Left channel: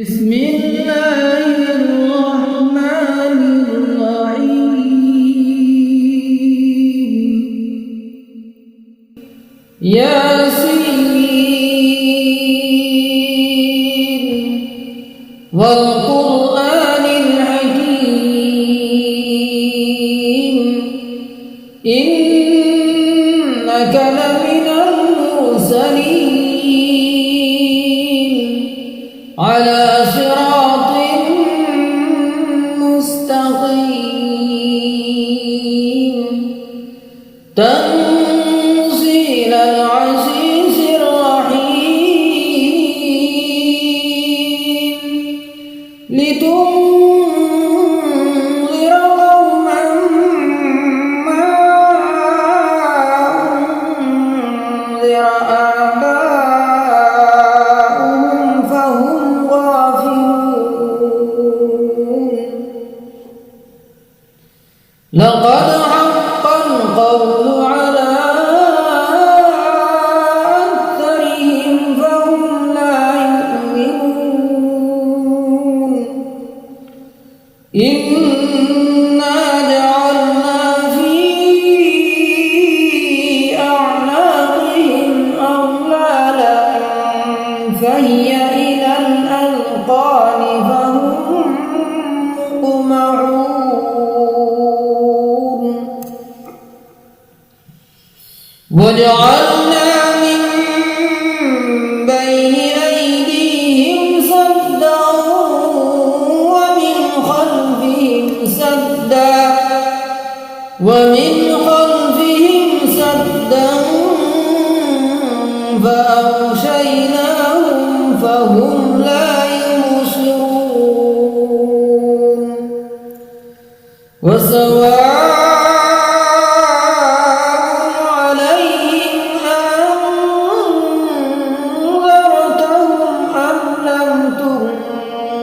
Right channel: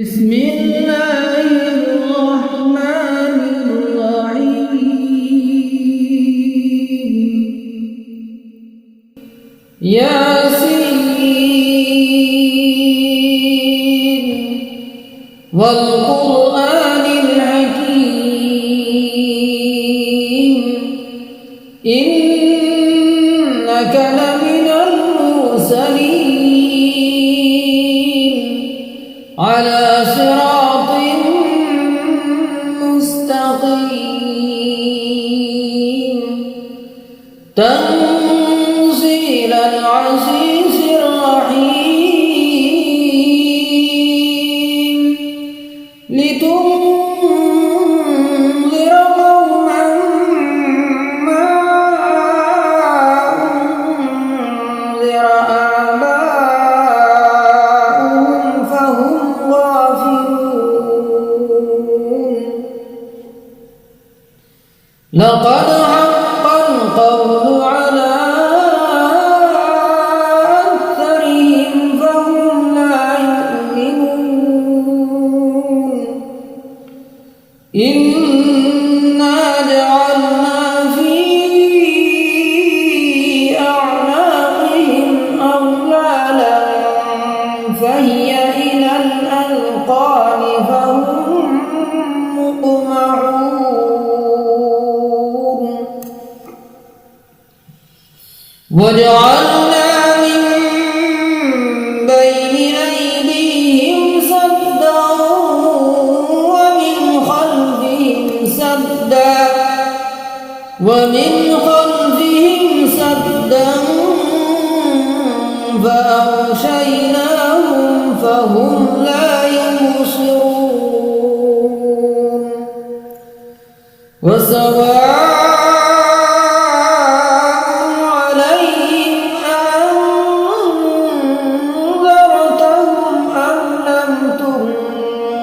بسم الله الرحمن الرحيم ياسين والقرآن الحكيم إنك لمن المرسلين على صراط مستقيم تنزيل العزيز الرحيم لتنذر قوما ما أنذر آباؤهم فهم غافلون لقد حق القول على أكثرهم فهم لا يؤمنون إنا جعلنا في أعناقهم أغلالا فهي إلى الأذقان فهم مقمحون وجعلنا من بين أيديهم سدا ومن خلفهم سدا فأغشيناهم فهم لا يبصرون وسواء عليهم أنذرتهم أم لم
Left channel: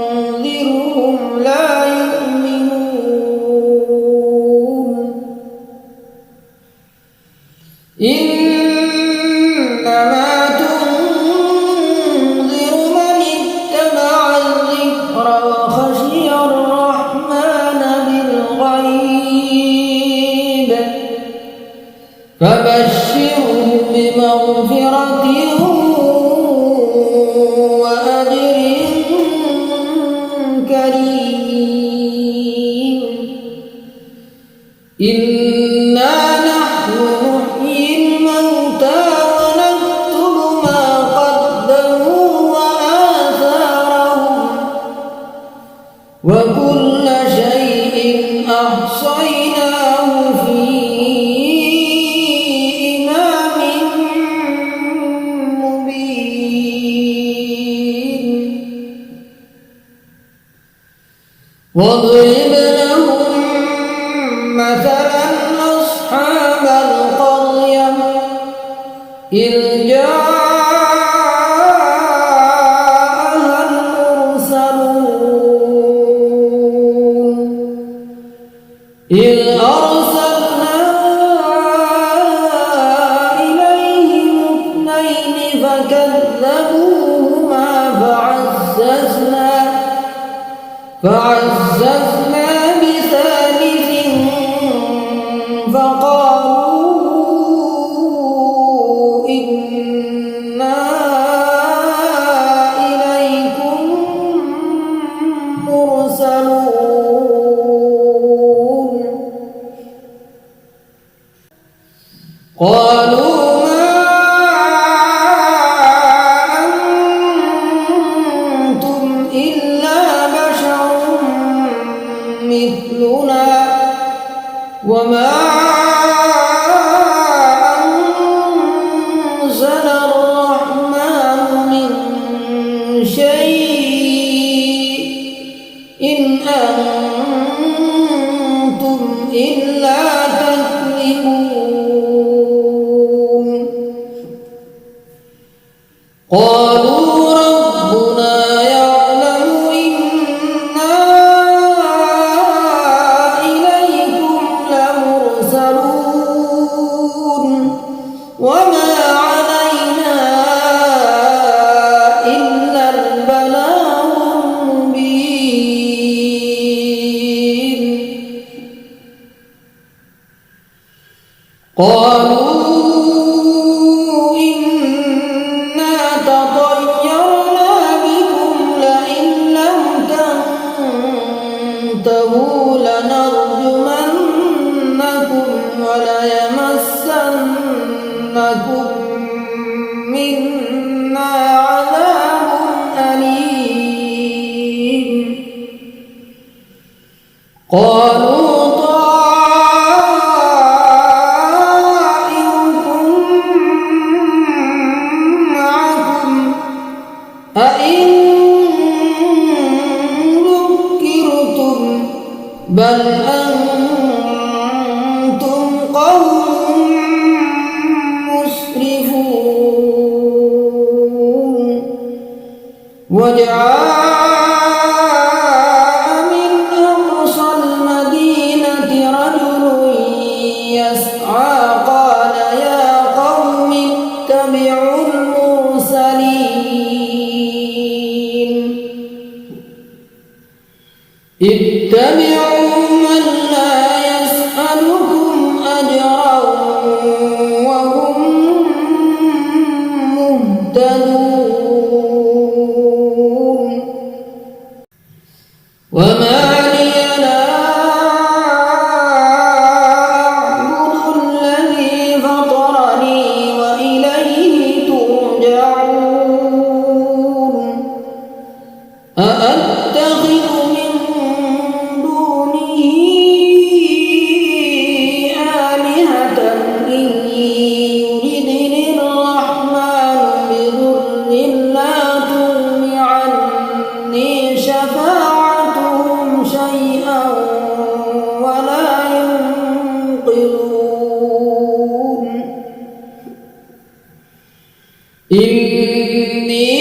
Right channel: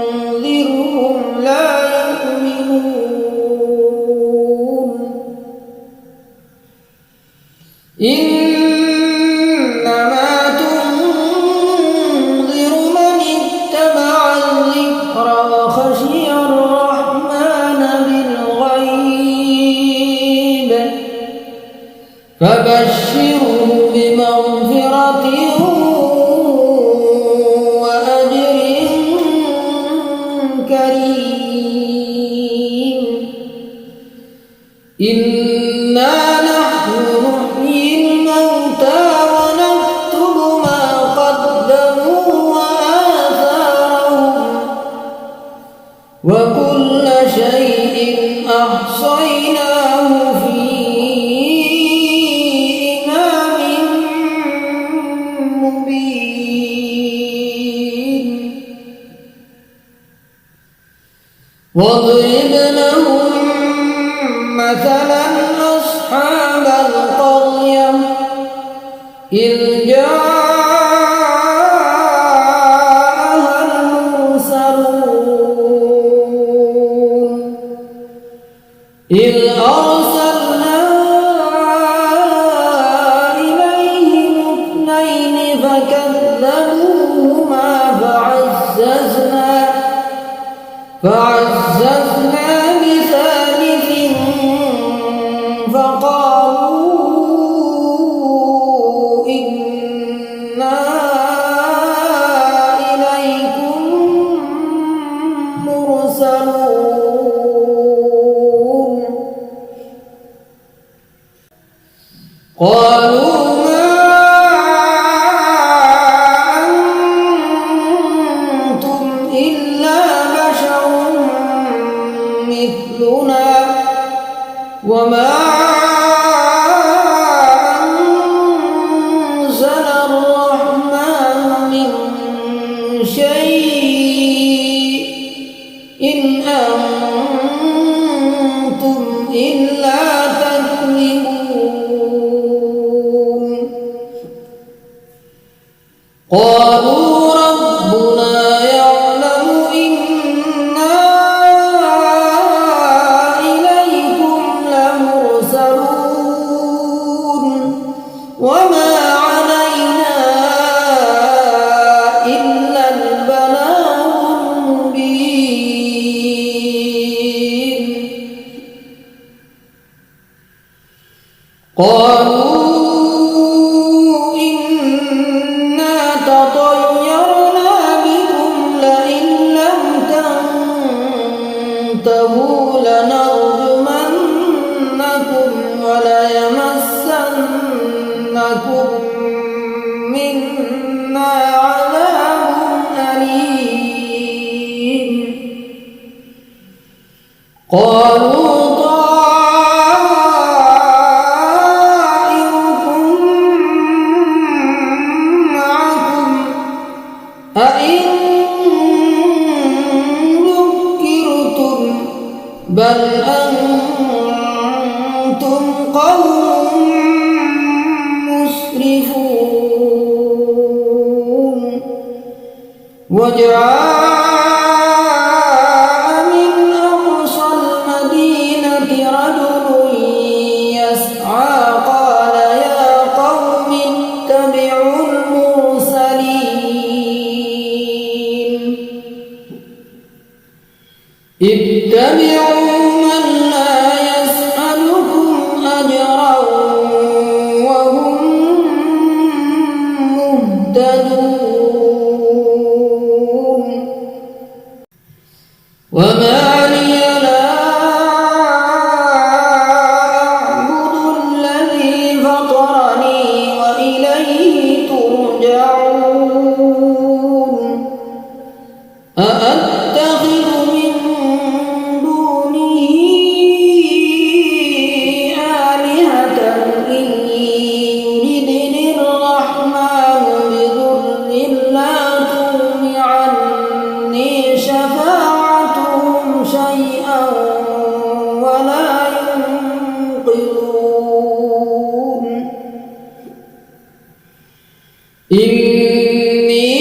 تنذرهم لا يؤمنون إنما تنذر من اتبع الذكر وخشي الرحمن بالغيب فبشره بمغفرة وأجر كريم إنا نحن نحيي الموتى ونكتب ما قدموا وآثارهم وكل شيء أحصيناه في إمام مبين واضرب لهم مثلا أصحاب القرية إذ جاءها المرسلون إذ أرسلنا إليهم اثنين فكذبوهما فعززنا بثالث فقالوا إنا إليكم مرسلون قالوا ما أنتم إلا بشر مثلنا وما أنزل الرحمن من شيء إن أنتم إلا تكذبون قالوا ربنا يعلم إنا إليكم لمرسلون وما علينا إلا البلاغ قالوا إنا تطيرنا بكم لئن لم تنتهوا لنرجمنكم وليمسنكم منا عذاب أليم قالوا طائركم معكم أئن ذكرتم بل أنتم قوم مسرفون وجاء من أقصى المدينة رجل يسعى قال يا قوم اتبعوا المرسلين اتبعوا من لا يسألكم أجرا وهم مهتدون وما لي لا أعبد الذي فطرني وإليه ترجعون أأتخذ من دونه آلهة إن يردني الرحمن بضر لا تغن عني شفاعتهم شيئا ولا ينقذون إني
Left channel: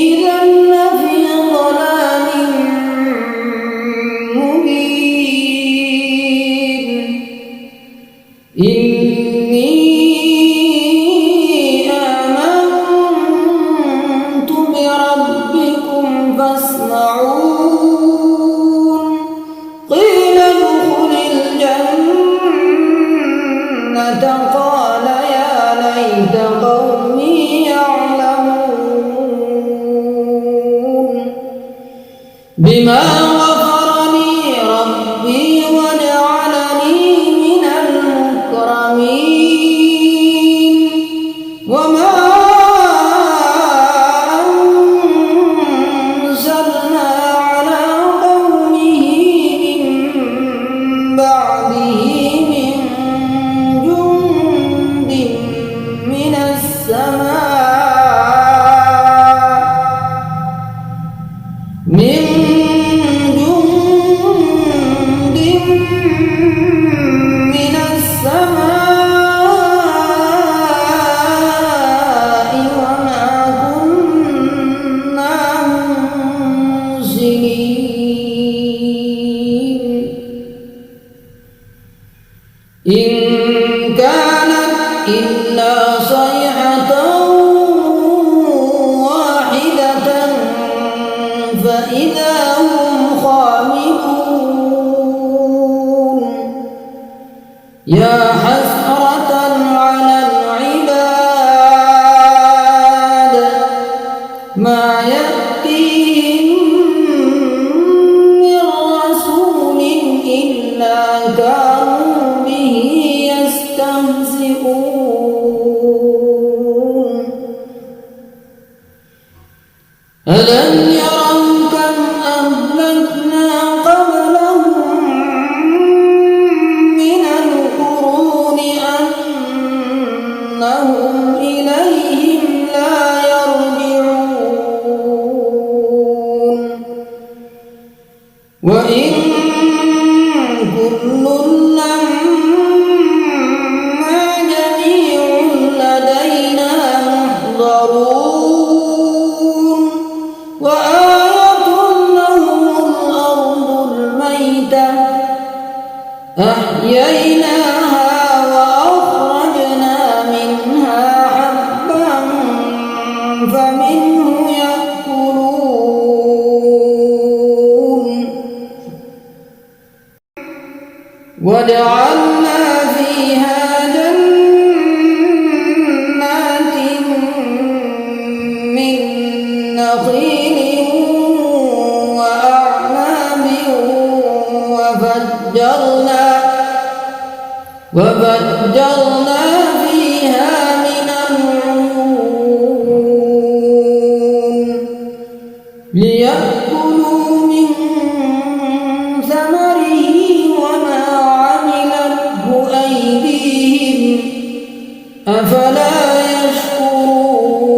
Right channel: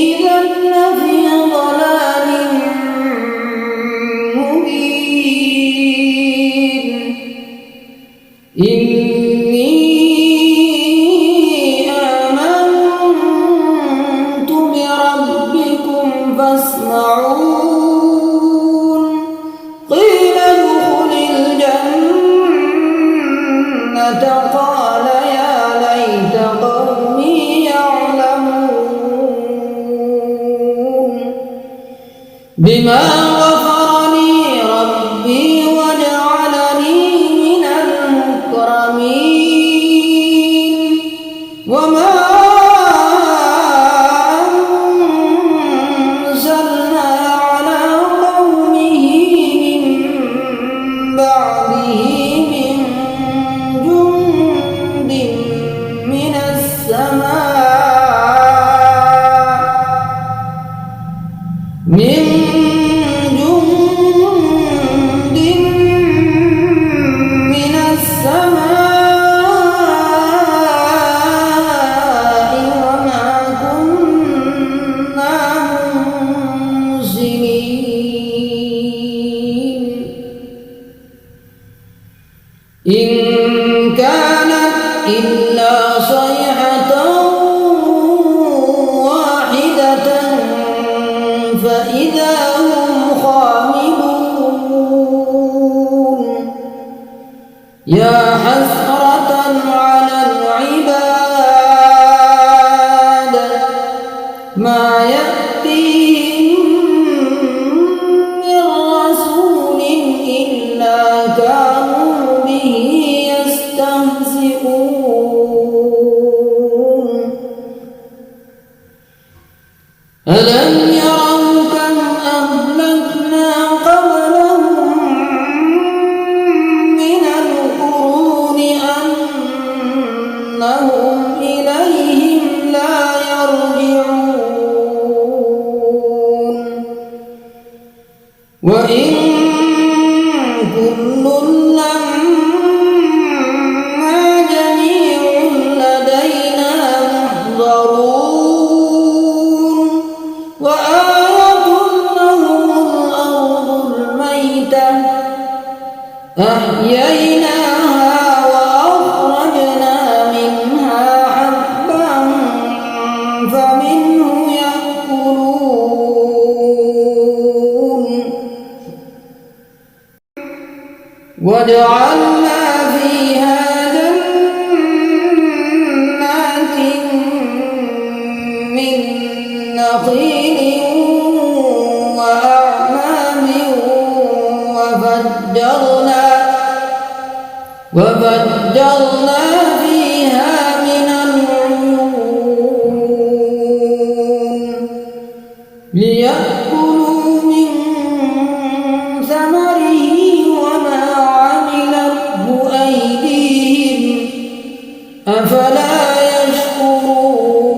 إذا لفي ضلال مبين إني آمنت بربكم فاسمعون قيل ادخل الجنة قال يا ليت قومي يعلمون بما غفر لي ربي وجعلني من المكرمين وما أنزلنا على قومه من بعده من جند من السماء من جند من السماء وما كنا منزلين إن كانت إلا صيحة واحدة فإذا هم خامدون يا حسرة على العباد ما يأتيهم من رسول إلا كانوا به يستهزئون ألم يروا كم أهلكنا قبلهم من القرون أنهم إليهم لا يرجعون وإن كل لما جميع لدينا محضرون وآية لهم الأرض الميتة أحييناها وأخرجنا منها حبا فمنه يأكلون وجعلنا فيها جنات من نخيل وأعناب وفجرنا فيها من العيون ليأكلوا من ثمره وما عملته أيديهم أفلا يشكرون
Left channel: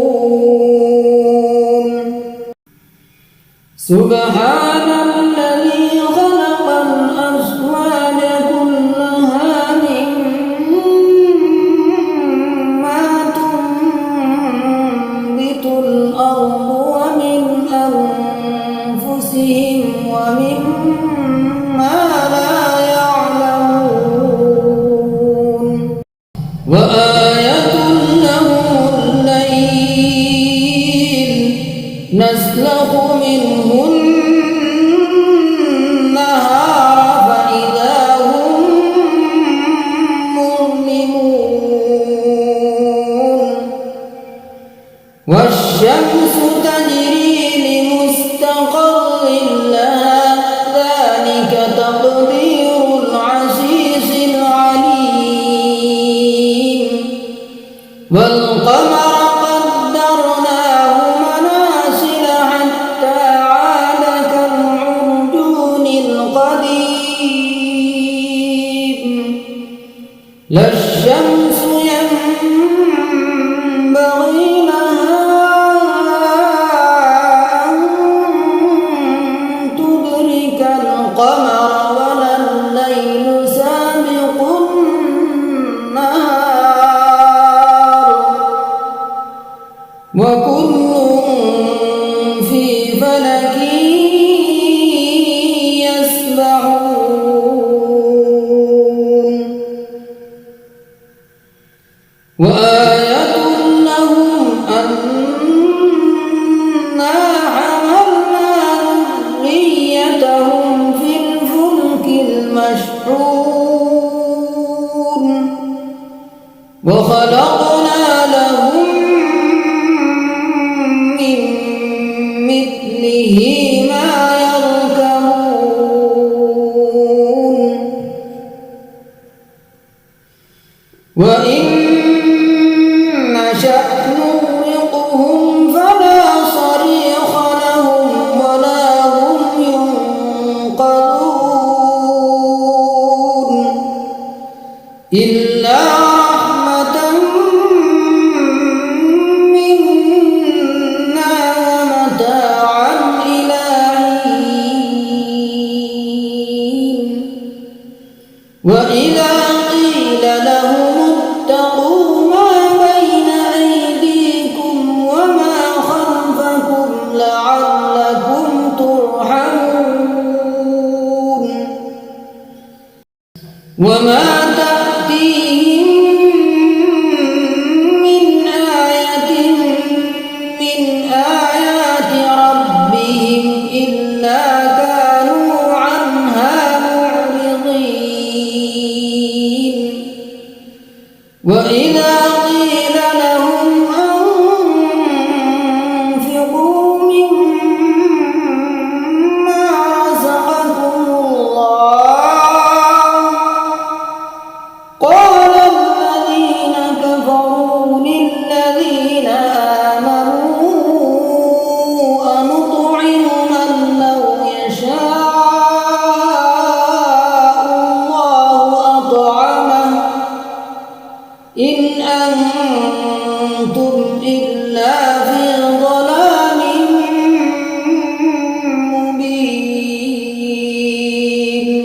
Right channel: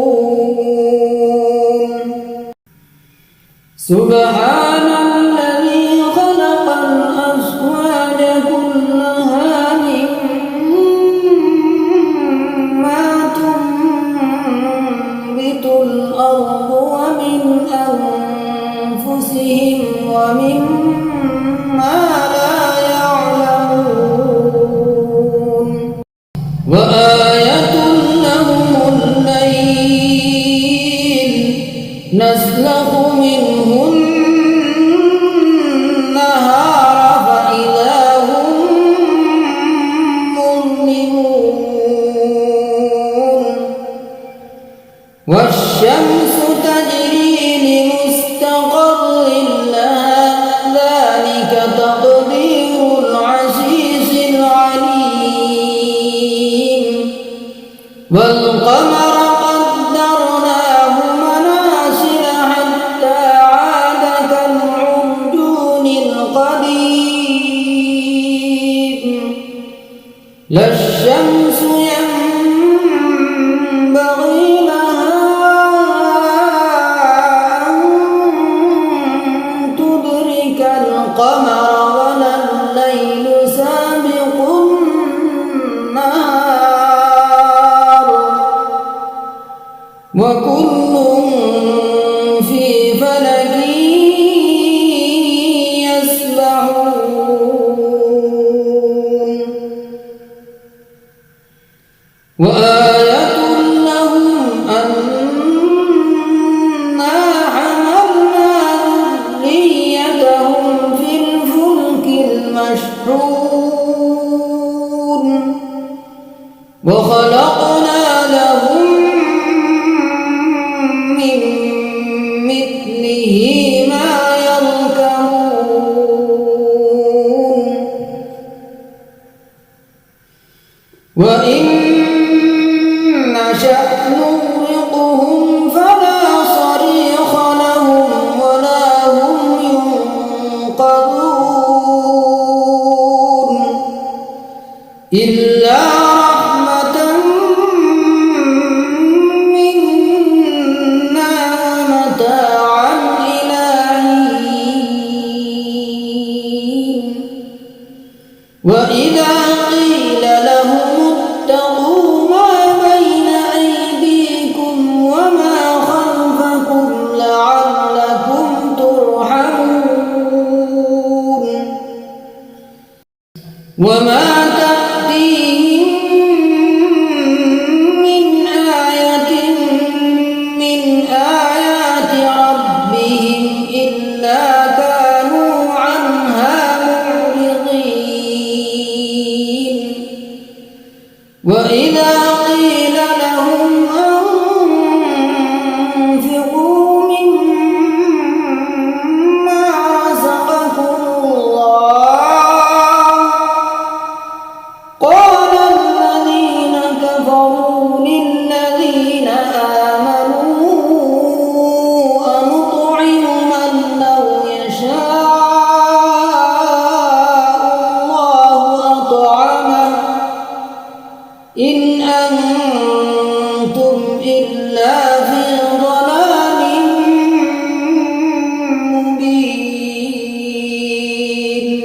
سبحان الذي خلق الأزواج كلها مما تنبت الأرض ومن أنفسهم ومما لا يعلمون وآية لهم الليل نسلخ منه النهار فإذا هم مظلمون والشمس تجري لمستقر لها ذلك تقدير العزيز العليم والقمر قدرناه منازل حتى عاد كالعرجون القديم لا الشمس ينبغي لها أن تدرك القمر ولا الليل سابق النهار وكل في فلك يسبحون وآية لهم أنا حملنا ذريتهم في الفلك المشحون وخلقنا لهم من مثله ما يركبون وإن نشأ نغرقهم فلا صريخ لهم ولا هم ينقذون إلا رحمة منا ومتاعا إلى حين وإذا قيل لهم اتقوا ما بين أيديكم وما خلفكم لعلكم ترحمون وما تأتيهم من آية من آيات ربهم إلا كانوا عنها معرضين وإذا قيل لهم أنفقوا مما رزقكم الله قال الذين كفروا للذين آمنوا أنطعم من لو يشاء الله أطعمه إن أنتم إلا في ضلال مبين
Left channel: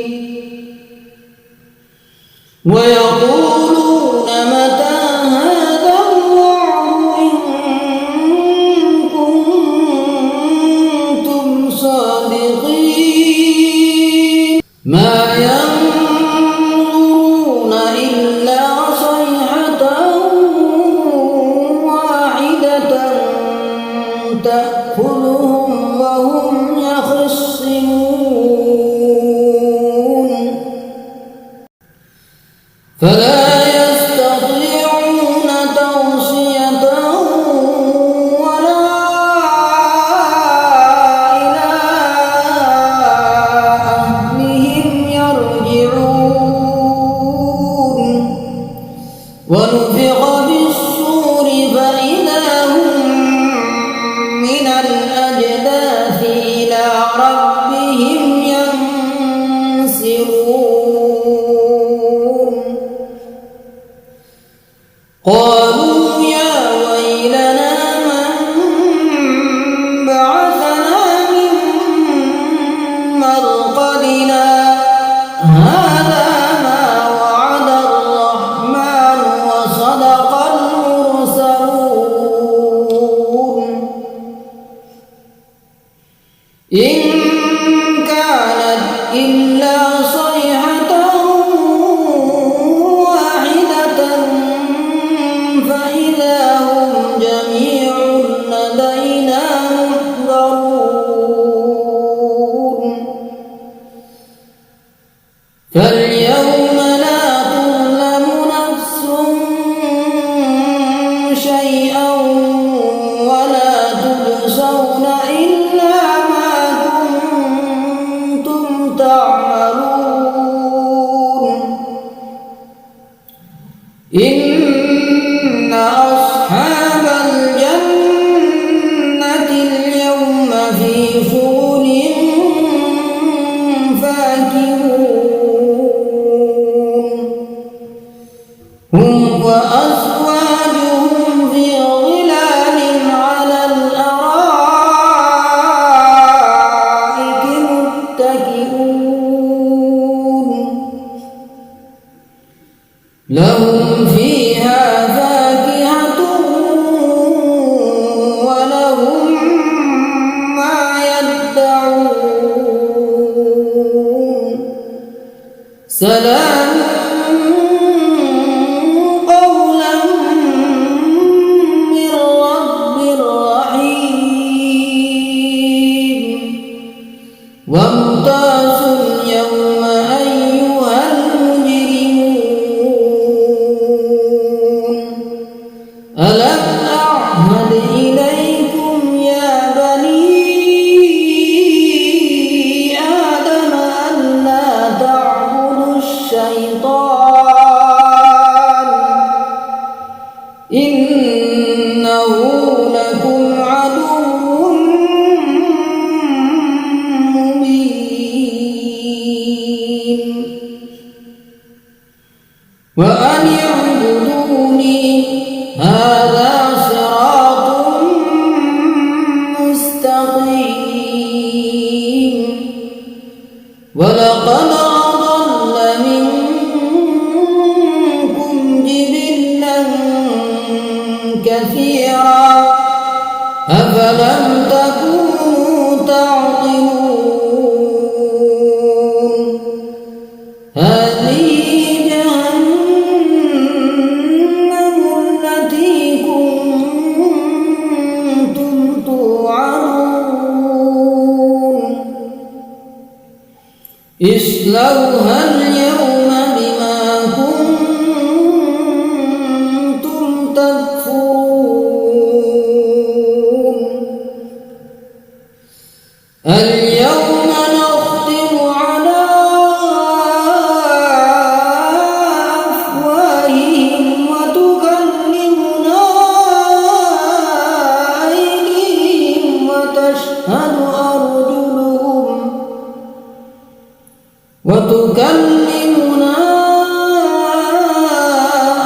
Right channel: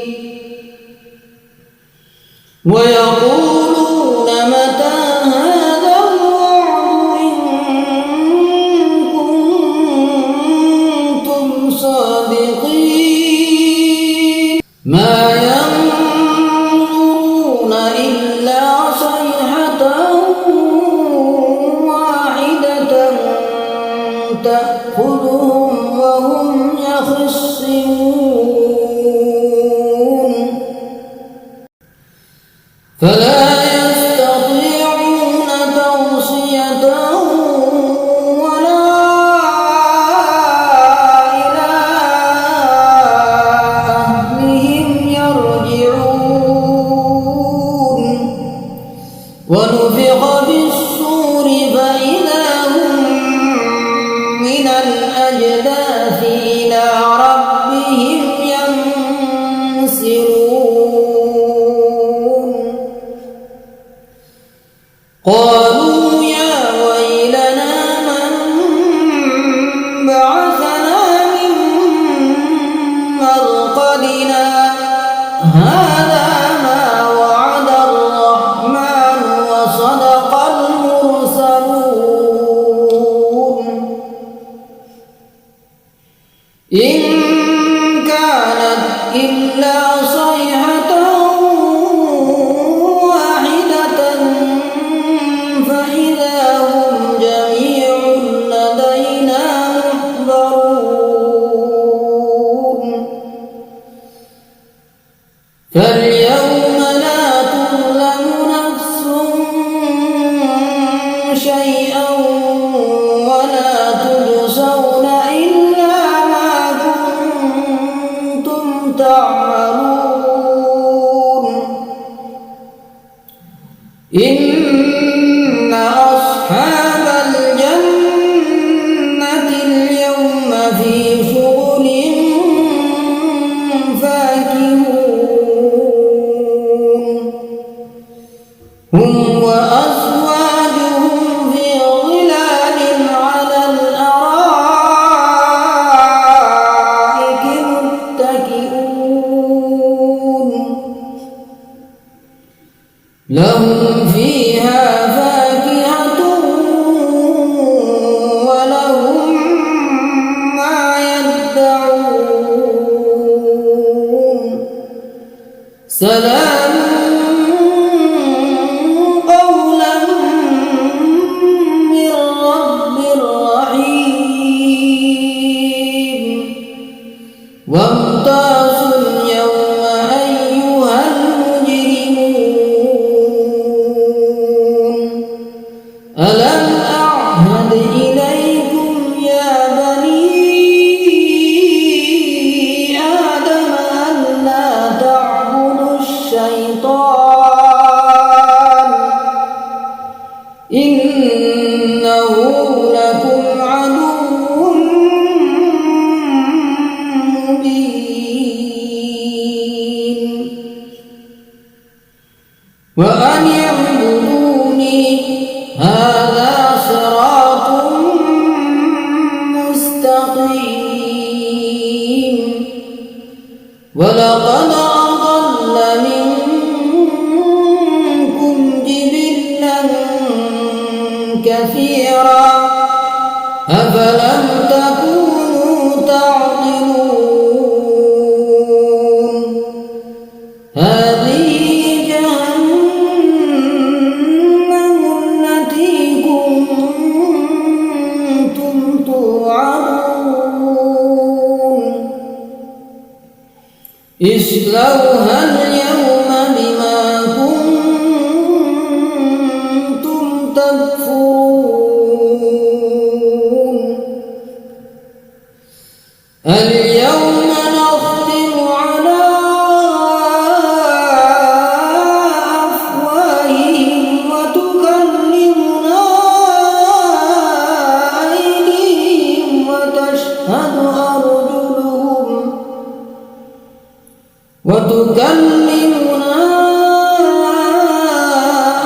ويقولون متى هذا الوعد إن كنتم صادقين ما ينظرون إلا صيحة واحدة تأخذهم وهم يخصمون فلا يستطيعون توصية ولا إلى أهلهم يرجعون ونفخ في الصور فإذا هم من الأجداث إلى ربهم ينسلون قالوا يا ويلنا من بعثنا من مرقدنا هذا ما وعد الرحمن وصدق المرسلون إن كانت إلا صيحة واحدة فإذا هم جميع لدينا محضرون فاليوم لا تظلم نفس شيئا ولا تجزون إلا ما كنتم تعملون إن أصحاب الجنة اليوم في شغل فاكهون هم وأزواجهم في ظلال على الأرائك متكئون لهم فيها فاكهة ولهم ما يدعون سلام قولا من رب رحيم وامتازوا اليوم أيها المجرمون ألم أعهد إليكم يا بني آدم ألا تعبدوا الشيطان إنه لكم عدو مبين وأن اعبدوني هذا صراط مستقيم ولقد أضل منكم جبلا كثيرا أفلم تكونوا تعقلون هذه جهنم التي كنتم توعدون اصلوها اليوم بما كنتم تكفرون اليوم نختم على أفواههم وتكلمنا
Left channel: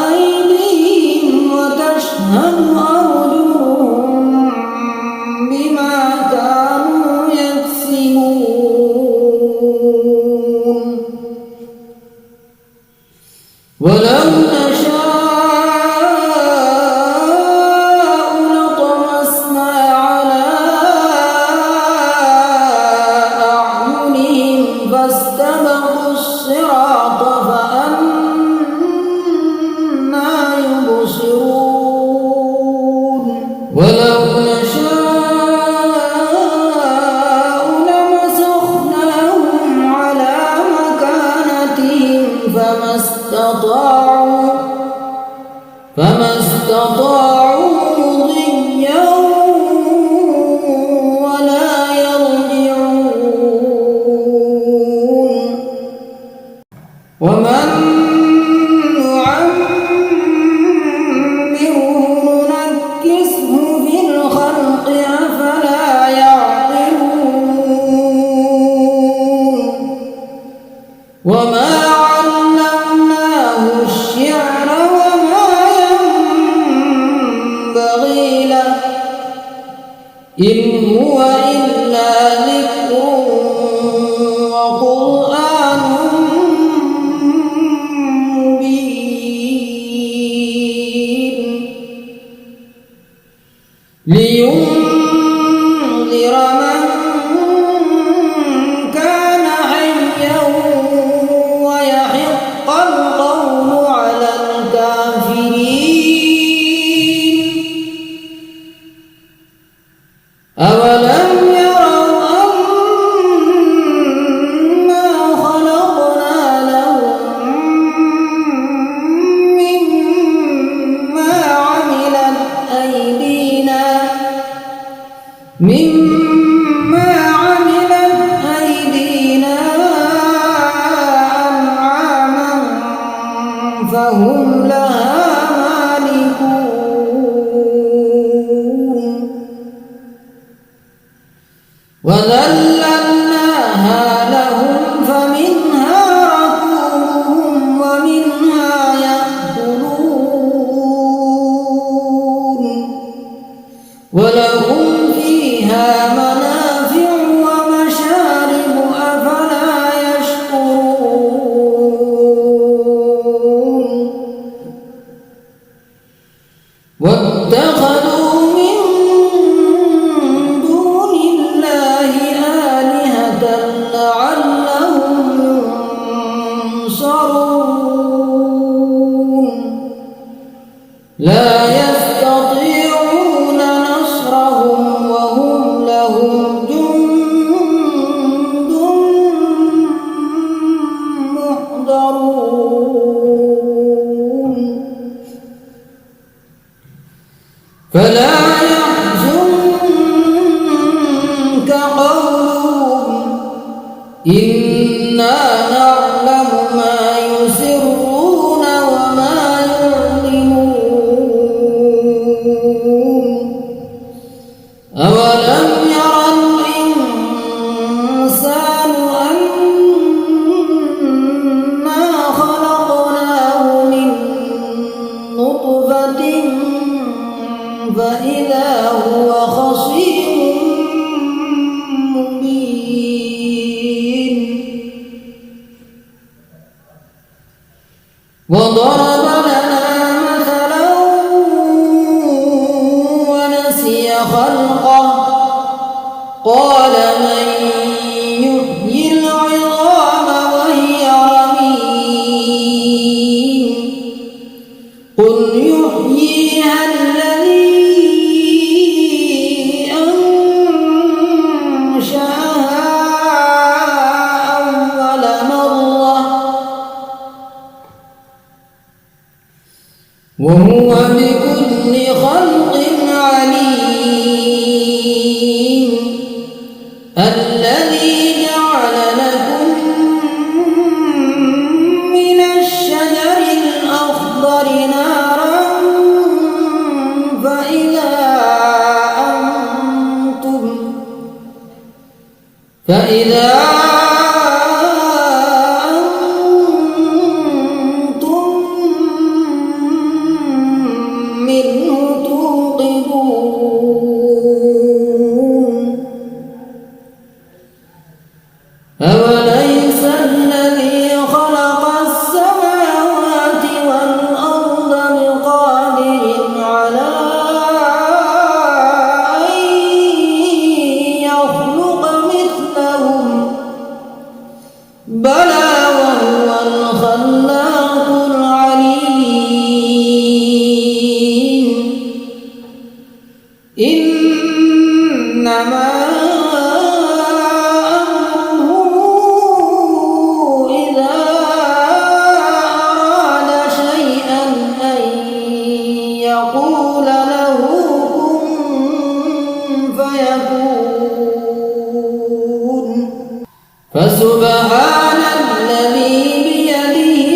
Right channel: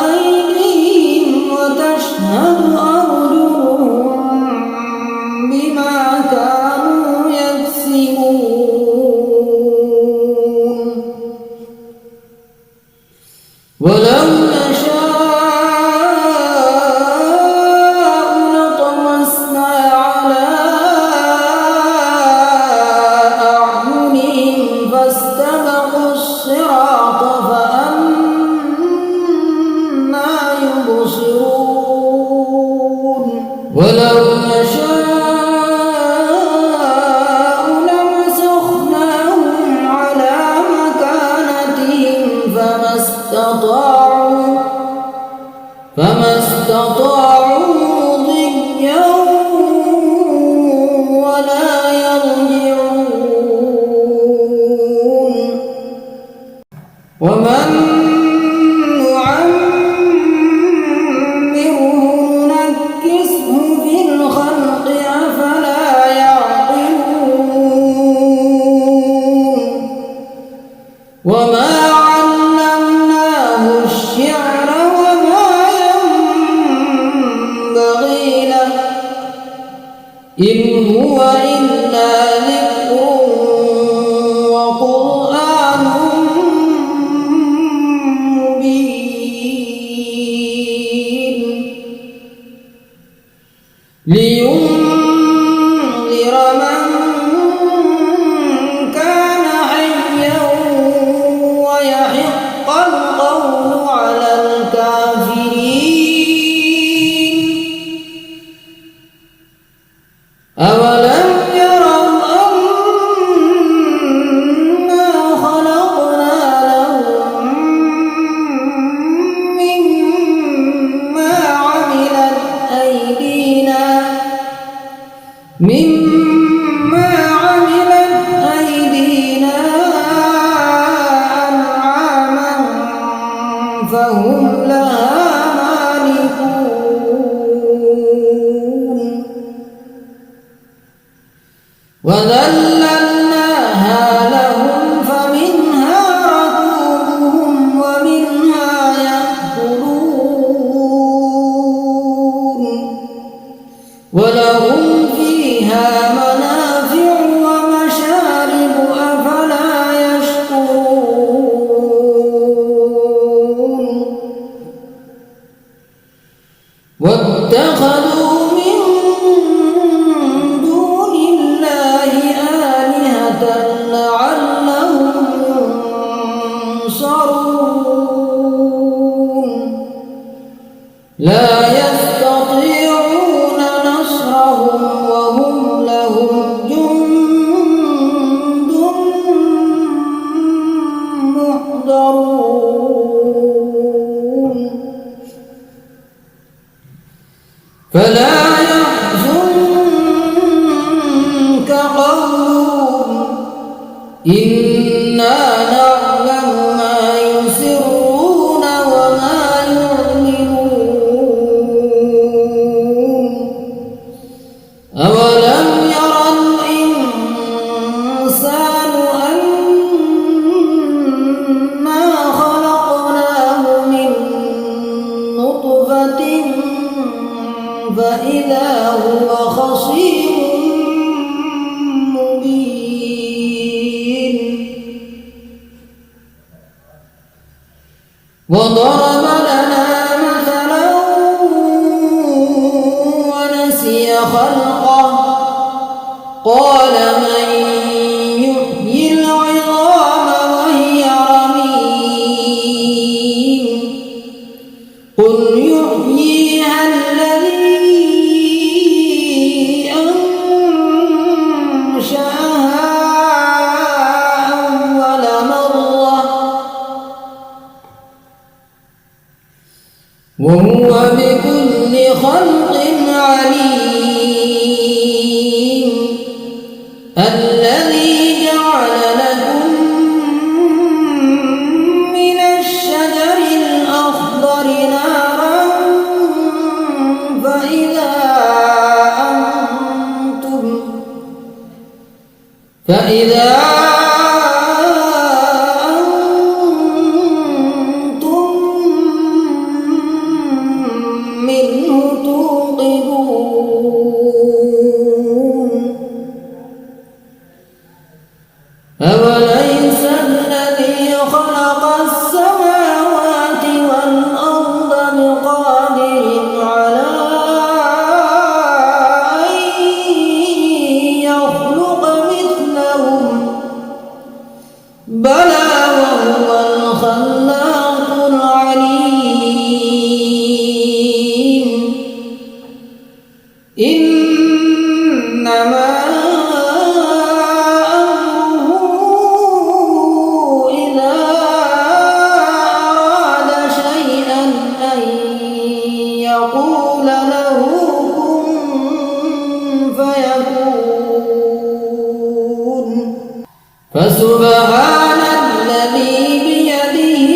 أيديهم وتشهد أرجلهم بما كانوا يكسبون ولو نشاء لطمسنا على أعينهم فاستبقوا الصراط فأنى يبصرون ولو نشاء لمسخناهم على مكانتهم فما فما استطاعوا مضيا ولا يرجعون ومن نعمره ننكسه في الخلق أفلا يعقلون وما علمناه الشعر وما ينبغي له إن هو إلا ذكر وقرآن مبين لينذر من كان حيا ويحق القول على الكافرين أولم يروا أنا خلقنا لهم مما عملت أيدينا أنعاما فهم لها مالكون وذللناها لهم فمنها ركوبهم ومنها يأكلون ولهم فيها منافع ومشارب أفلا يشكرون واتخذوا من دون الله آلهة لعلهم ينصرون لا يستطيعون نصرهم وهم لهم جند محضرون فلا يحزنك قولهم إنا نعلم ما يسرون وما يعلنون أولم ير الإنسان أنا خلقناه من نطفة فإذا هو خصيم مبين وضرب لنا مثلا ونسي خلقه قال من يحيي العظام وهي رميم قل يحييها الذي أنشأها أول مرة وهو بكل خلق عليم الذي جعل لكم من الشجر الأخضر نارا فإذا أنتم منه توقدون أوليس الذي خلق السماوات والأرض بقادر على أن يخلق مثلهم بلى وهو الخلاق العليم إنما فيكون فسبحان الذي بيده